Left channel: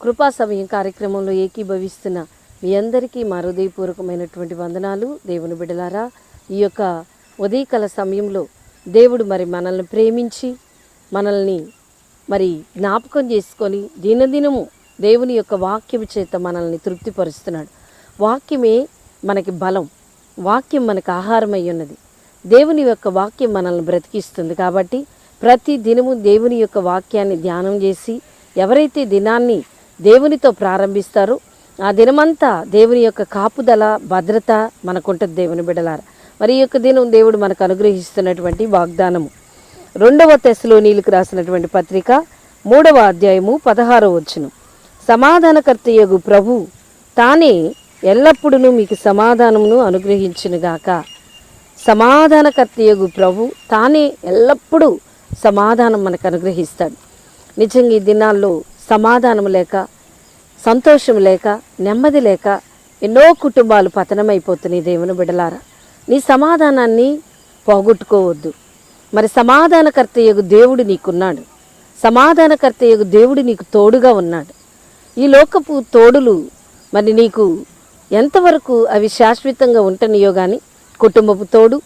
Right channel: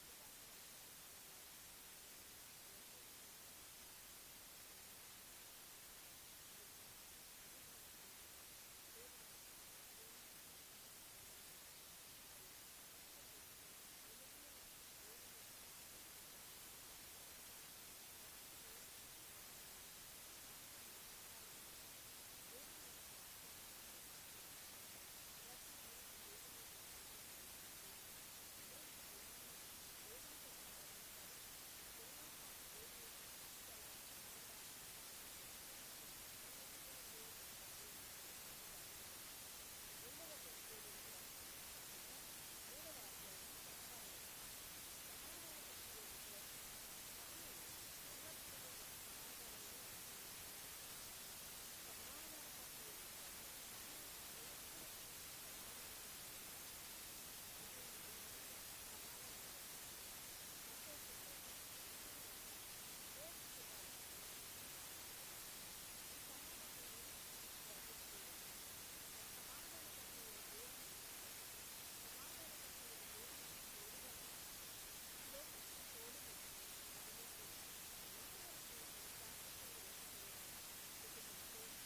కృపా సమయం కార్యక్రమంలో ఏకీభవిస్తున్న మీ అందరికీ మా హృదయపూర్వకమైనటువంటి వందనాలు. దేవుని బిడలారా ఈ యొక్క ఉదయకాల సమయంలో దేవుడు మరి మనల్ని ప్రేమించి మనల్ని మరి జ్ఞాపకం చేసుకొని దినదినము దేవుని యొక్క వాక్యం చేత మనల్ని తృప్తిపరుస్తున్నాడు. వాక్యమే మనకి బలం వాక్యం మనకు ఆహారమై ఉన్నది. దేవుని యొక్క వాక్యం మనల్ని బ్రతికిస్తుంది కాబట్టి ప్రతి దినము దేవుని యొక్క వాక్యాన్ని ధ్యానం చేసి ఎవరైతే దినాన్ని దేవునితో ప్రారంభిస్తారు. ఆ దినమంతా దేవుని యొక్క కాపుదల భద్రత మనకుంటుంది దేవుని బిడలార. మరి ఈ యొక్క దినం దేవుడు మనకు అనుగ్రహిస్తున్నటువంటి వాగ్దానము. రెండవ తెశలోనీలకు రాసినటువంటి పత్రిక మూడవ అధ్యాయము పదహారవ వచ్చును సమాధానకర్తయ్యగు ప్రభు తానే ఎల్లప్పుడూ మీకు సమాధానమును అనుగ్రహించునుగాక సమాధానకర్తయ్యగు ప్రభు తానే ఎల్లప్పుడూ సమాధానం మనకు అనుగ్రహిస్తాడు. నిజంగా ఈ దినాల్లో సమాధానం లేక సంతోషం లేక నెమ్మది లేక ఎన్నో కుటుంబాలు పతనమైపోతున్నాయి దేవుని బిడలారా నీ సమాధానాన్ని పోగొట్టుకోవద్దు. మరి సమాధానకర్తయ్యకు దేవుడు నీకున్నాడు. సమాధానకర్తయ్యకు దేవుడు నీకు తోడుగా ఉన్నాడు. ఈ లోకపు తోడులు మరి నీకు ఎంతవరకు అవి శాశ్వతంగా ఉంటనియో కానీ కుటుంబపు తోడు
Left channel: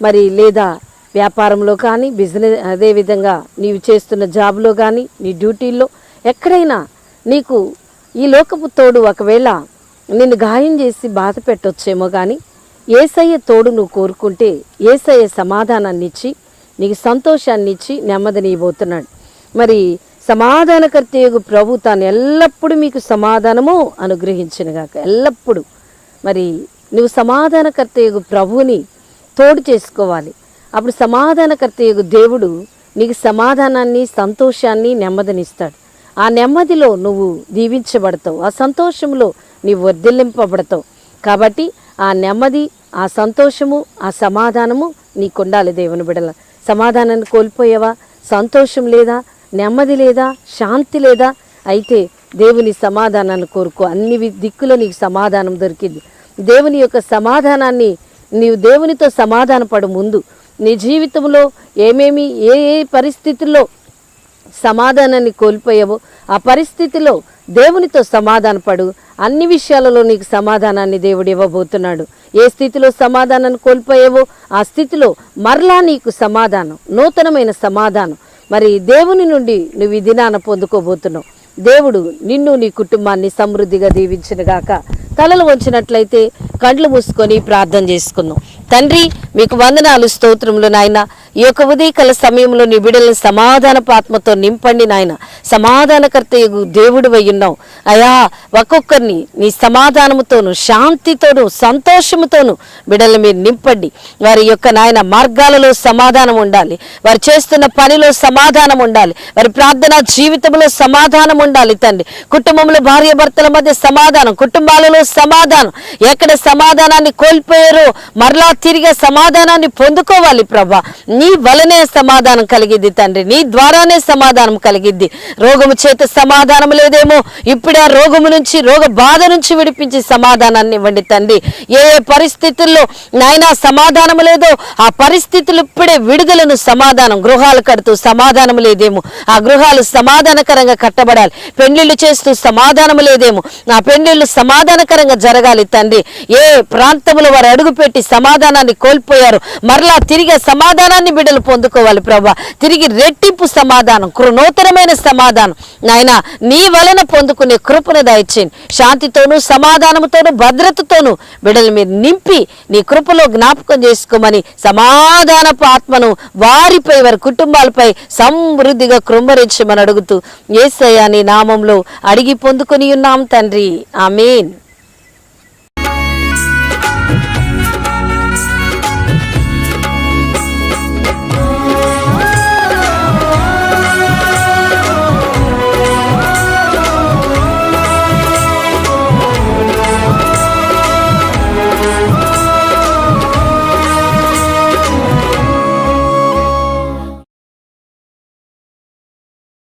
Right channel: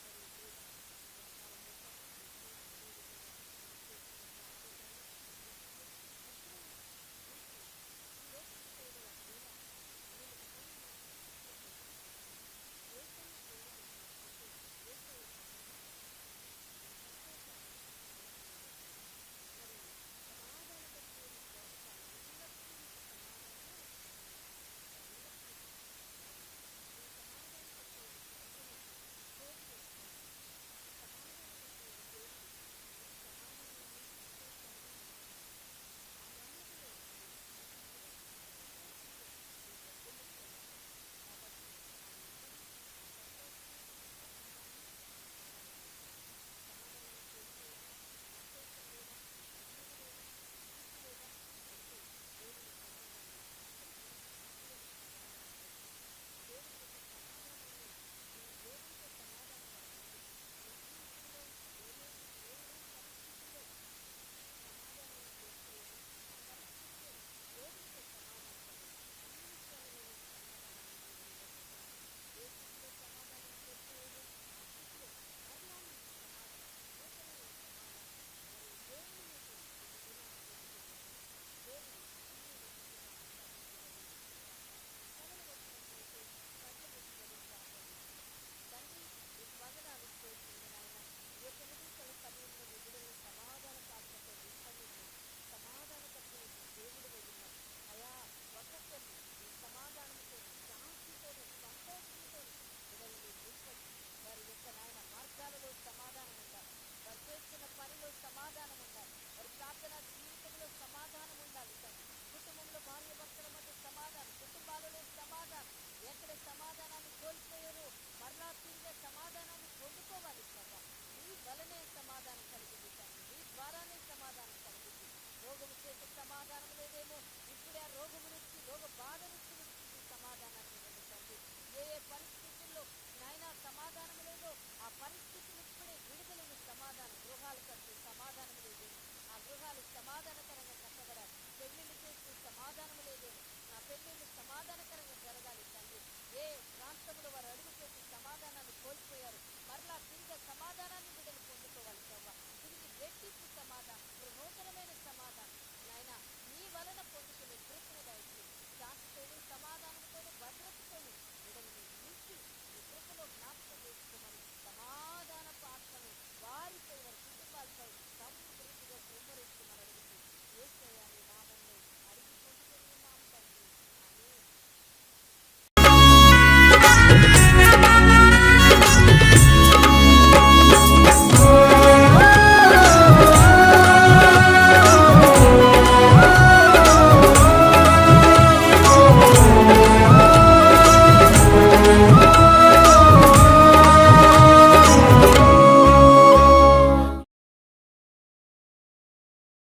మరి లేదా వ్యాపారంలో కానీ బిజినెస్ అదేవిధంగా నీవు చేస్తున్న జాబ్లో కానీ నీ డ్యూటీల్లో ఎక్కడైనా నీకు ఈ లోకపు తోడు ఒకవేళ నిన్ను గాయం చేసి బాధ పెట్టొచ్చేమో కానీ ఏసయ్య తోడు నువ్వు కోరుకుంటే ఏసయ్య సమాధానాన్ని ఇచ్చి నీకు సంతోషాన్ని ఇచ్చి నెమ్మదినియబోతున్నాడు మరి సమాధానకర్తయగు ప్రభు తాను ఎల్లప్పుడూ మీకు సమాధానము అనుగ్రహించినగాక ఎల్లప్పుడూ. మరి నువ్వు సమాధానకర్తయగు ప్రభువుని తోడు చేసుకోవాలి. అప్పుడు సమాధానకర్తయగు దేవుడు నీకు సమాధానాన్ని సంతోషాన్ని నెమ్మదినిస్తాడు ఆ నెమ్మదిలో నువ్వు దీవించబడతావు ఆ సంతోషంలో నీవు వర్ధిల్లింపబడతావు. కాబట్టి ఆ నెమ్మది ఆ సంతోషము ఆ సమాధానము నీకుండాలి దేవుని బిడల. సమాధానాన్ని కోల్పోయావా? సంతోషం లేదా? నెమ్మది లేదా? శాంతి లేదా? అయితే దేవుని సమాధానాన్ని కోరుకో. అన్ని దిక్కులో నీకు సమాధానం దొరికింది. దేవుని యొక్క సమాధానాన్ని నీవు దేవునితో సమాధానపడు ముందు నీ జీవితంలో ఏమేమి ఏ ఏ పరిస్థితుల్లో సమాధానాన్ని కోల్పోయావో. ఆ పరిస్థితిలో దేవునితో సమాధానపడు. అన్ని విషయాలలో నీకు సమాధానాన్ని దేవుడు ఇవ్వబోతున్నాడు. ఏ స్థితిలో సమాధానాన్ని కోల్పోయావో? ఆ స్థితిలో మరలా నీకు సమాధానం నూతనమైన సమాధానం. మరి దేవుని నుండి నువ్వు ఈ దినాన పొందుకోబోతున్నావు. దేవుడు నిన్ను నీ కుటుంబాన్ని సమృద్ధిగా దీవించినగాక. తలలు వంచినట్లయితే కండ్లు మూసుకొని ప్రార్థన చేసుకుందాం. తండ్రి మీకు వందనాలు స్తోత్రములు నాయన. ఈ యొక్క ఉదయకాల సమయంలో నీ బిడ్డలను సమాధానపు ఆత్మతో నింపండి నాయన. సమాధానకర్త దేవుడు ఉన్నావు. అయా ఒక్కొక్కరిని నీ సమాధానముతోను శాంతితోను సంతోషముతోను బిడ్డలను మీరు నింపండి. వారి యొక్క నాయన మార్గాలలో సమాధానం ఉండాలి. వారు చేస్తున్న పనిలో సమాధానం ఉండాలి. వారి ప్రార్థన జీవితంలో సమాధానం ఉండాలి తండ్రి. కుటుంబంలో భార్య భర్తల మధ్య సమాధానం కుటుంబాలలో సమాధానం? ఎక్కడ సమాధానాన్ని కోల్పోయారో మరలా తిరిగి సమాధానాన్ని పొందుకోవాలి ప్రభా. నీ వలనే సమాధానం కలిగిద్ది తండ్రి. నీ ద్వారానే సమాధానం కలిగిద్ది. రోగము చేత సమాధానం లేదేమో? ఇప్పుడే ఆ రోగము నుంచి రోగ బాధ నుంచి విడిపించి సమాధానాన్ని ఇవ్వండి తండ్రి. ఏ ఏ పరిస్థితుల్లో నాయనా సమాధానం లేదో ఆ పరిస్థితులు ఇప్పుడే విడుదలను సమాధానం గృహాలు కడుతూ సమాధానం లేదేమో? ఆ గృహాలు సమాధానకరంగా కట్టబడాలి. పెళ్ళిళ్ళు చేస్తూ సమాధానం లేదేమో? ఆ పెళ్ళిళ్ళు సమాధానకరంగా జరగాలి తండ్రి. ఏ ప్రాంతంలో వారు అడుగుపెట్టి సమాధానాన్ని కోల్పోయారు మరలా తిరిగి సమాధానాన్ని బిడ్డలు పొందుకోవాలి ప్రభా. తిరిగి రెట్టింపు సమాధానం కృ- నూతనమైన సమాధానం. నాయన నీ వలన పొందుకునే కృపను దయచేయండి. శాంతితోనూ సమాధానంతోనూ భద్రతతోనూ బిడ్డలు మీరు నింపి నీ కృపలో జ్ఞాపకం చేసుకోమని సమాధానపు ఆత్మను వారిపై వారి కుటుంబాలపై సమృద్ధిగా కృంభరించమని అడుగుతూ ఏసయ్య నీ నామంలో అడిగి పొందుకొని ఉన్నాం తండ్రి. ఆమెన్.